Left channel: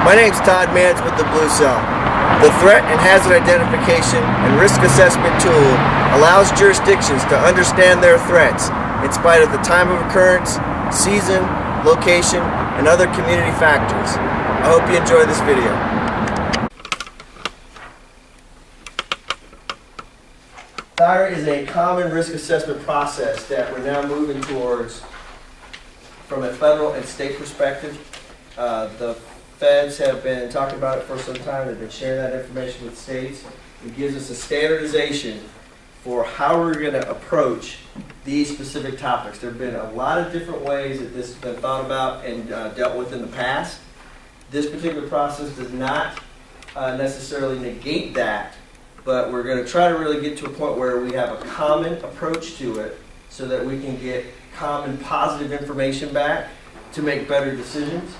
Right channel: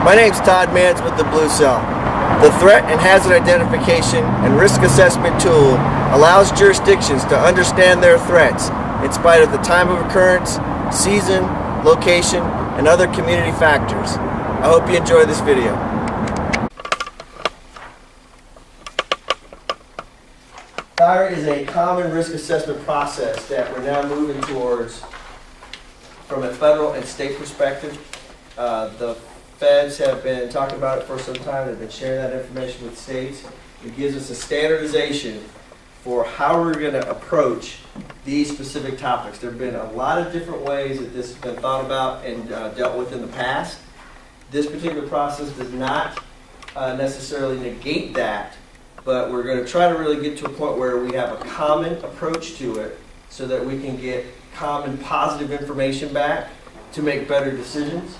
My name's Todd Mans with the Blue Cell. The Threat and Hazard Identification and Risk Assessment tool allows jurisdictions to understand their threats in spite of the time of occurrence, season, location, and other community factors. I hope you enjoy this video. THIRA is a common risk assessment process that we're now moving towards from a federal and state perspective. The feds have been talking about it for some time. They've been sharing that information with states. It gives us a standardization for how we're going to approach these specific topics. There have been a lot of different ways that this has been thought about and dealt with in the past. This particular process does not necessarily negate that, but we're going to try to really get to a point where we have a common approach to it so that we can get common positive information back to make better decisions.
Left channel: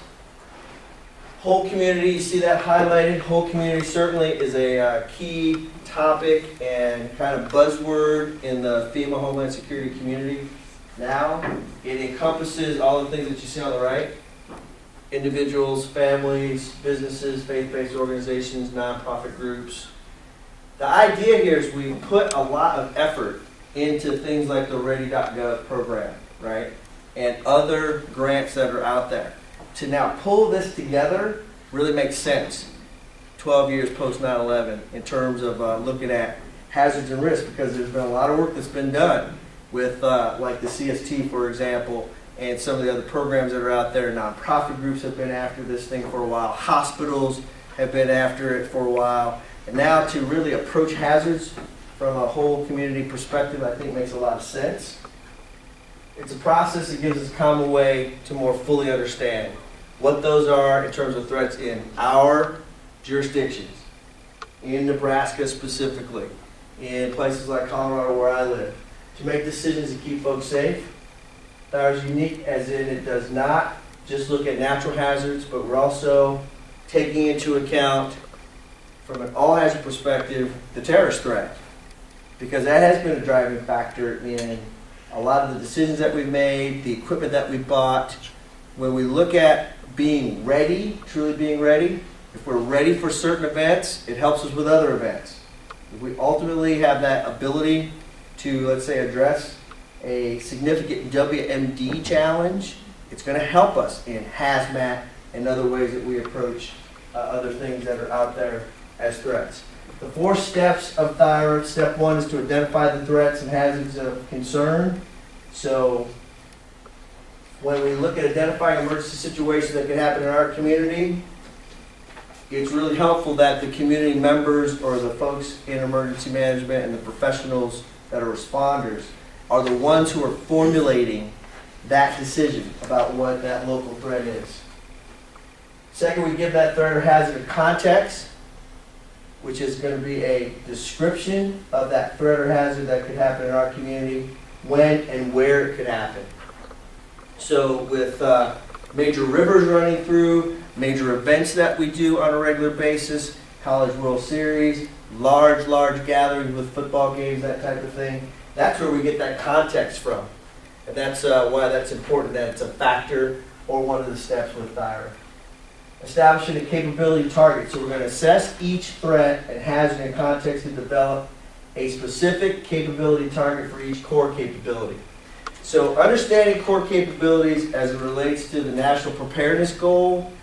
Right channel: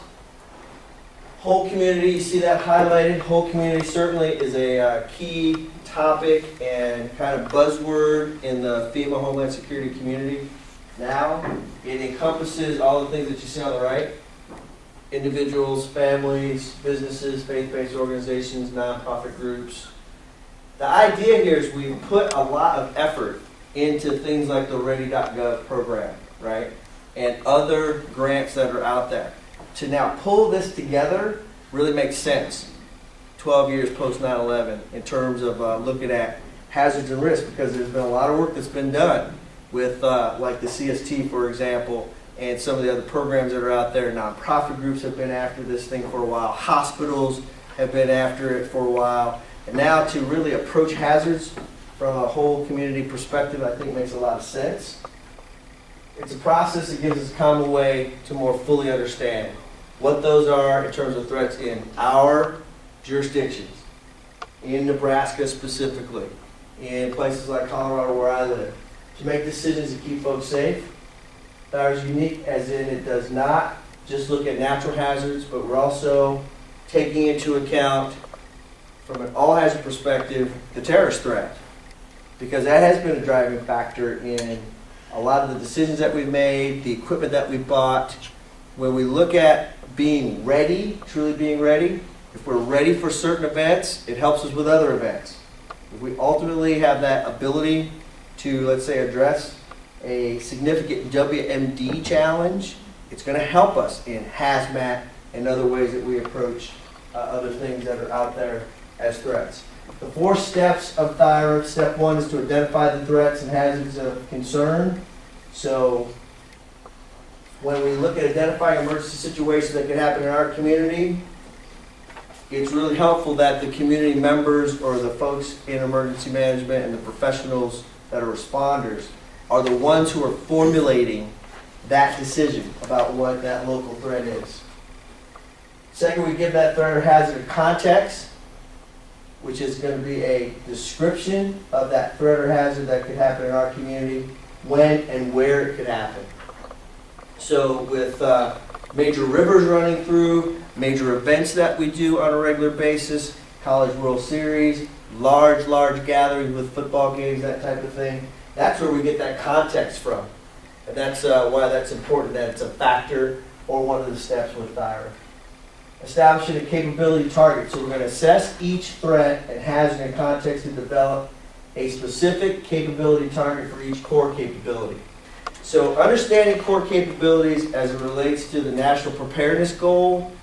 Whole community, you see that highlighted. Whole community certainly is a key topic and kind of buzzword in the FEMA Homeland Security community. Now, it encompasses all the things that you see on the right. Individuals, families, businesses, faith-based organizations, nonprofit groups. The idea here is we put a lot of effort into things like the Ready.gov program, right? And other grants that are out there. To now pull this together really makes sense 12 years post 9/11 in terms of looking at hazards and risks, because there's been a lot of work that's been done with like the CST, for example, and some of the other programs that are out there. Nonprofit groups have been after this thing for a while. Hospitals have been after it for a while. And now to really approach hazards from a whole community perspective, I think makes a lot of sense. It's a process that gives us a common way to more fully understand what those are in terms of threats in our jurisdictions, in Nebraska specifically, in places like Colorado where I live, to make decisions to keep folks safe. THIRA is unique as in it does not just look at natural hazards, but we're also taking into account, from an all hazard perspective, the terrorist threat, because that has been a driving factor in a lot of the decisions that we've made, the equipment that we've bought. When we look at being ready, truly being ready, if we're ready for certain events, it helps us with other events. If we ultimately have that ability to, let's say, address a significant WMD challenge, it's going to help us in hazmat and other ways that we approach other things that are out there as threats. The 4 steps of THIRA. Step 1 is to identify the threats and hazards of concern. So when we look at identifying emergency situations that can happen in our community, it's really helpful that the community members or the folks in emergency management and the professionals that are responders are the ones who are formulating that decision about what that local threat is. Second, we give that threat or hazard a context, which is going to be a description of that threat or hazard that could happen in our community, when and where it could happen. So with major rivers running through, major events that we do on a regular basis, College World Series, large gatherings with football games, that type of thing, that's where we get that context from. And that's why that's important, that it's a factor or one of the steps with THIRA. Establishing a capability target. So we're going to assess each threat and hazard in context to develop a specific capability target for each core capability. So understanding core capabilities as it relates to the national preparedness goal,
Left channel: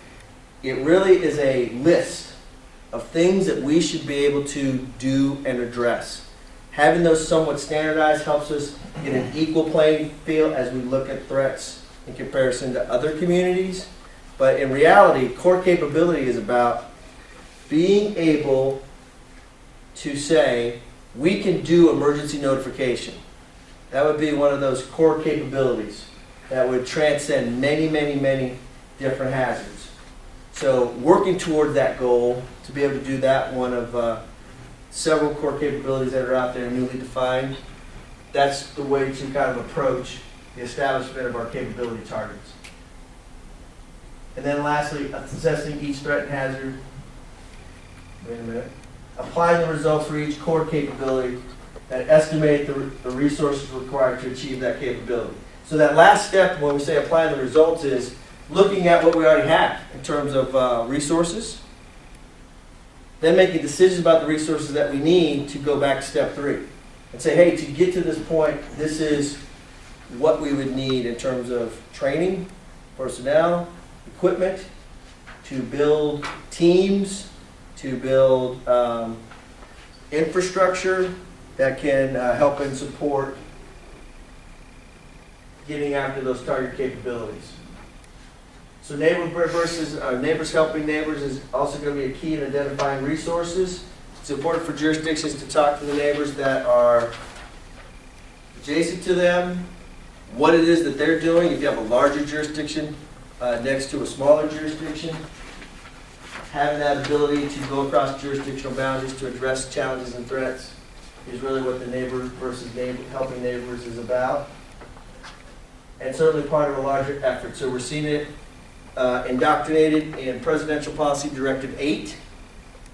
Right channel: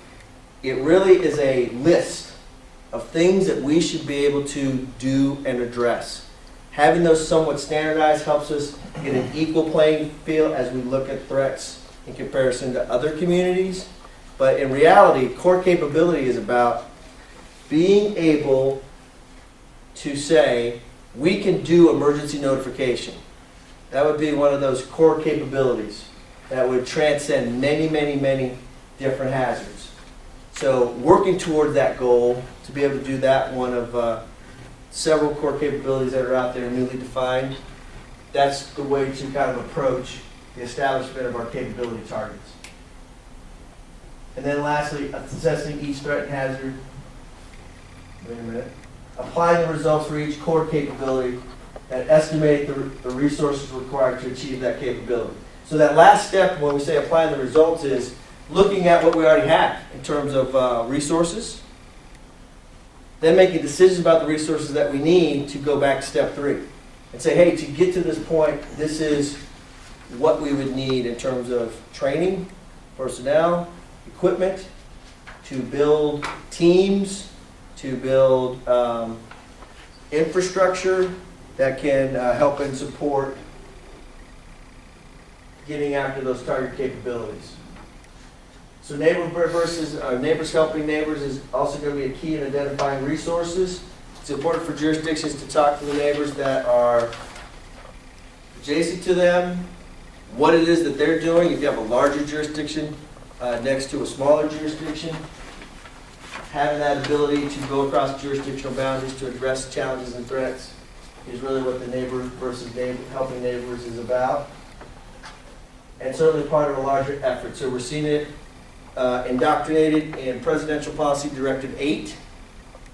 it really is a list of things that we should be able to do and address. Having those somewhat standardized helps us in an equal playing field as we look at threats in comparison to other communities. But in reality, core capability is about being able to say, we can do emergency notification. That would be one of those core capabilities that would transcend many different hazards. So working toward that goal, to be able to do that, one of several core capabilities that are out there newly defined, that's the way to kind of approach the establishment of our capability targets. And then lastly, assessing each threat and hazard. Wait a minute. Applying the results for each core capability that estimate the resources required to achieve that capability. So that last step when we say applying the results is looking at what we already have in terms of resources, then making decisions about the resources that we need to go back to step 3 and say, hey, to get to this point, this is what we would need in terms of training, personnel, equipment, to build teams, to build infrastructure that can help and support getting after those target capabilities. So neighbors helping neighbors is also going to be a key in identifying resources. It's important for jurisdictions to talk to the neighbors that are adjacent to them, what it is that they're doing. If you have a larger jurisdiction next to a smaller jurisdiction, having that ability to go across jurisdictional boundaries to address challenges and threats is really what the neighbor versus neighbor, helping neighbors is about. And certainly part of a larger effort. So we're seeing it indoctrinated in Presidential Policy Directive 8.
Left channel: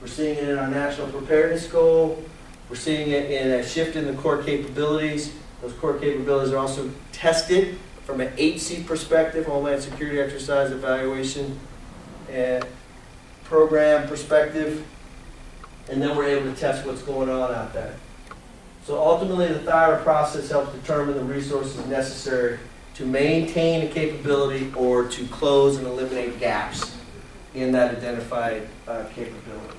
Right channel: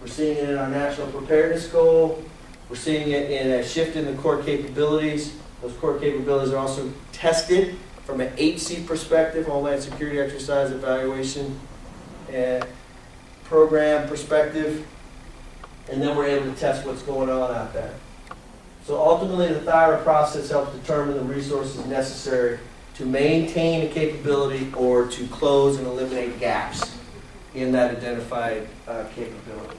We're seeing it in our National Preparedness Goal. We're seeing it in a shift in the core capabilities. Those core capabilities are also tested from an HC perspective, Homeland Security Exercise Evaluation and Program perspective. And then we're able to test what's going on out there. So ultimately, the THIRA process helps determine the resources necessary to maintain a capability or to close and eliminate gaps in that identified capability.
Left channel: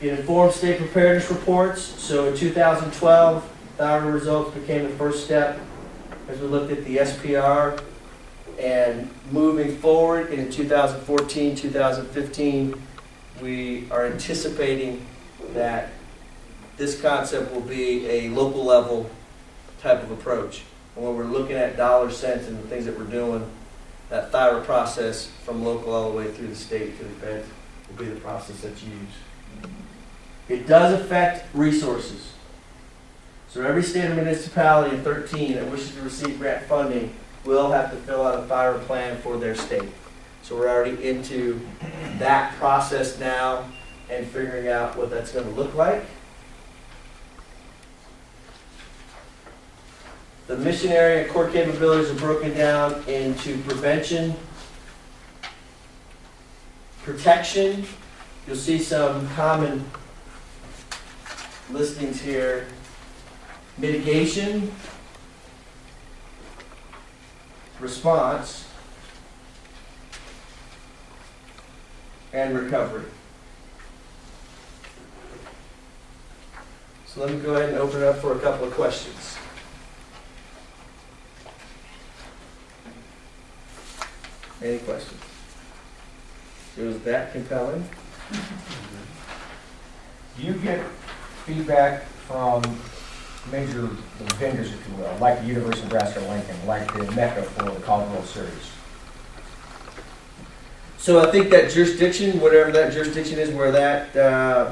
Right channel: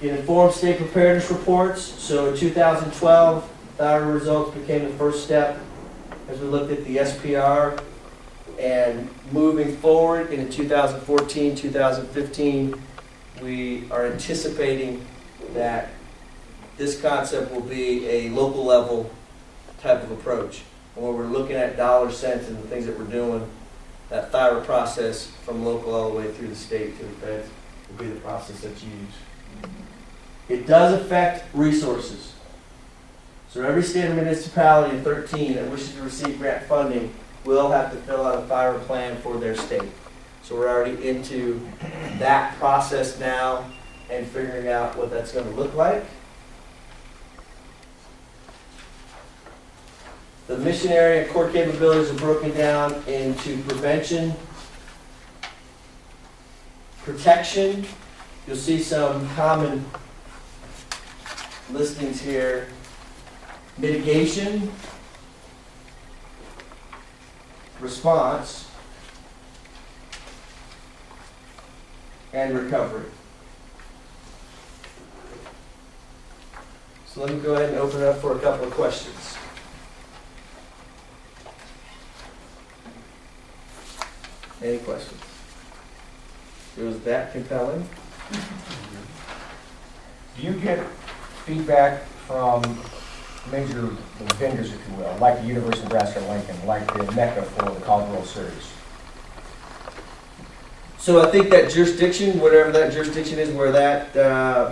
It informs state preparedness reports. So in 2012, THIRA results became the first step as we looked at the SPR. And moving forward into 2014, 2015, we are anticipating that this concept will be a local level type of approach. And when we're looking at dollar cents and the things that we're doing, that THIRA process from local all the way through the state to the feds will be the process that's used. It does affect resources. So every state or municipality in 13 that wishes to receive grant funding will have to fill out a THIRA plan for their state. So we're already into that process now and figuring out what that's going to look like. The mission area and core capabilities are broken down into prevention, protection. You'll see some common listings here. Mitigation, response, and recovery. So let me go ahead and open it up for a couple of questions. Any questions? It was that compelling. Do you get feedback from major vendors, if you will, like the University of Nebraska-Lincoln, like the Mecca for the College World Series? So I think that jurisdiction, whatever that jurisdiction is, where that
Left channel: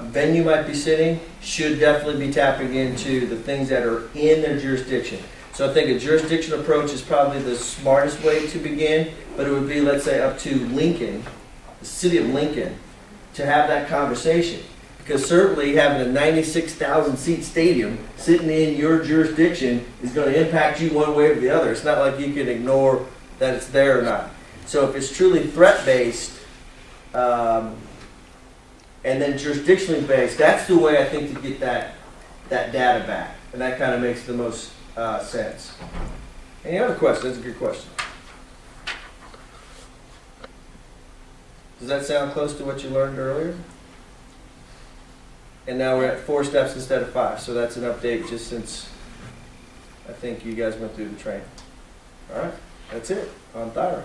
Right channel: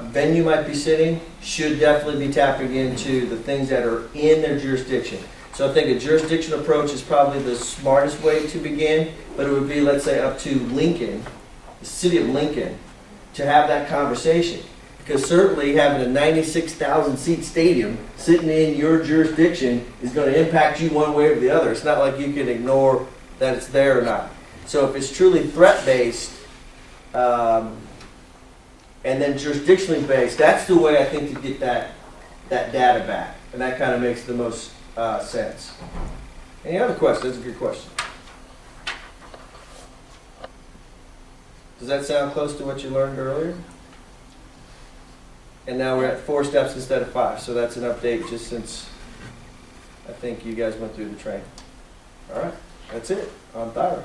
venue might be sitting, should definitely be tapping into the things that are in their jurisdiction. So I think a jurisdiction approach is probably the smartest way to begin, but it would be, let's say, up to Lincoln, the city of Lincoln, to have that conversation. Because certainly having a 96,000 seat stadium sitting in your jurisdiction is going to impact you one way or the other. It's not like you can ignore that it's there or not. So if it's truly threat-based and then jurisdictionally based, that's the way I think to get that data back. And that kind of makes the most sense. Any other questions? That's a good question. Does that sound close to what you learned earlier? And now we're at 4 steps instead of 5. So that's an update just since I think you guys went through the training. All right, that's it on THIRA.